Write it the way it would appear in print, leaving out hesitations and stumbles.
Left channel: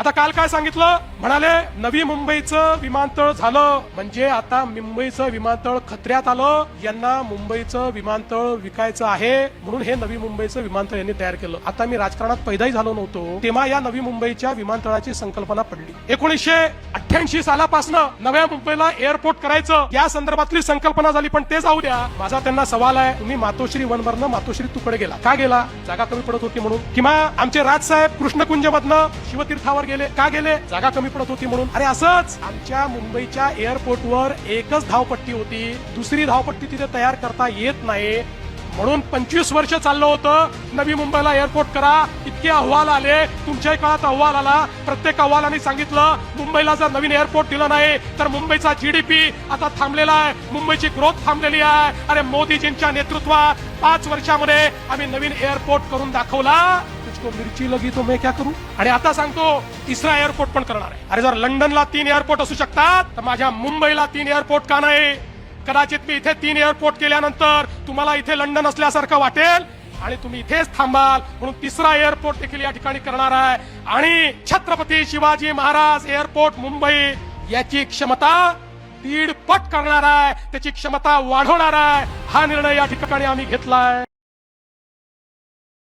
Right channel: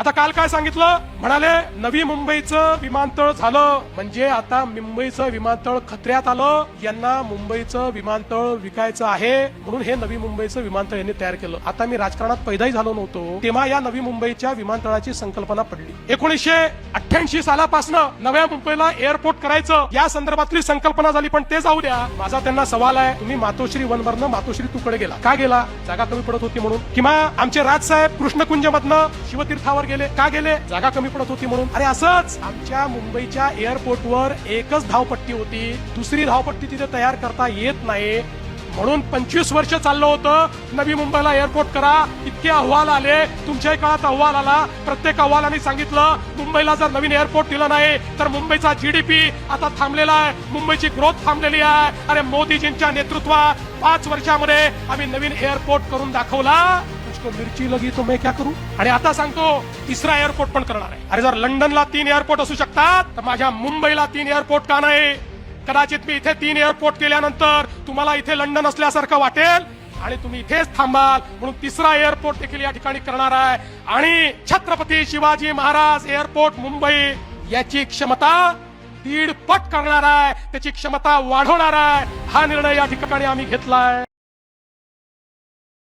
आता काल काय सांगितलं, म्हणाले नवी मुंबईचं विमानतळ झालं म्हणजे आता मुंबईचं विमानतळ खतऱ्यात आलं, यांना मुंबईचं विमानतळ विकायचं आहे म्हणून हे नवी मुंबईचं विमानतळ यांनी तयार केलं. आता मी राजकारणात पैदाही झालो नव्हतो तेव्हा या नवी मुंबईच्या विमानतळाची संकल्पना पडली. 1988 सालापासून नव्या मुंबईला एअरपोर्ट करायचं या संदर्भातली संकल्पना झाली. पण ते जाऊ द्या, माझा त्यांना सवाल आहे, तुम्ही मातोश्री वनवरनं मातोश्री तुकडे गेला, का गेला? जागा कमी पडत होती म्हणून? किंवा आमचे राजसाहेब कृष्णकुंज मधनं शिवतीर्थावर गेले, का गेले? जागा कमी पडत होती म्हणून. अरे असंच आमच्या मुंबईच्या एअरपोर्टवर एकच धावपट्टी होती, दुसरी धावपट्टी तिथे तयार करता येत नाही म्हणून 25 वर्ष चाललं होतं नवी मुंबईला एअरपोर्ट करा. इतके अहवाल आले, तुमच्या काळात अहवाल आला, प्रत्येक अहवालाने सांगितलं मुंबईला जर नवीन एअरपोर्ट दिलं नाही तर मुंबईचा जीडीपी आता थांबलेला आहे, मुंबईची ग्रोथ थांबलेली आहे. अरे मोदीजींच्या नेतृत्वात 5 वर्षामध्ये आम्ही नवीन एअरपोर्ट करून दाखवला. उसको मिरची लगी तो मैं क्या करू? अरे आता सांगतो तिसरा एअरपोर्ट पण करणार आहे. अरे जर लंडनला 3 एअरपोर्ट असू शकतात तर माझ्या मुंबईला 3 एअरपोर्ट का नाही? कदाचित मी इथे 3 एअरपोर्ट केल्यानंतर तुम्हाला इथे लंडन असल्यासारखं वाटेल आणि तुम्ही इथेच थांबाल म्हणून तिसरा एअरपोर्ट देखील या ठिकाणी करणार आहे. आणि छत्रपती शिवाजी महाराज एअरपोर्ट मुंबई याची क्षमता 1.5 पट करणार आहे, त्याची क्षमता वाढवणार आहे. हा निर्णय या ठिकाणी आम्ही घेतलाय.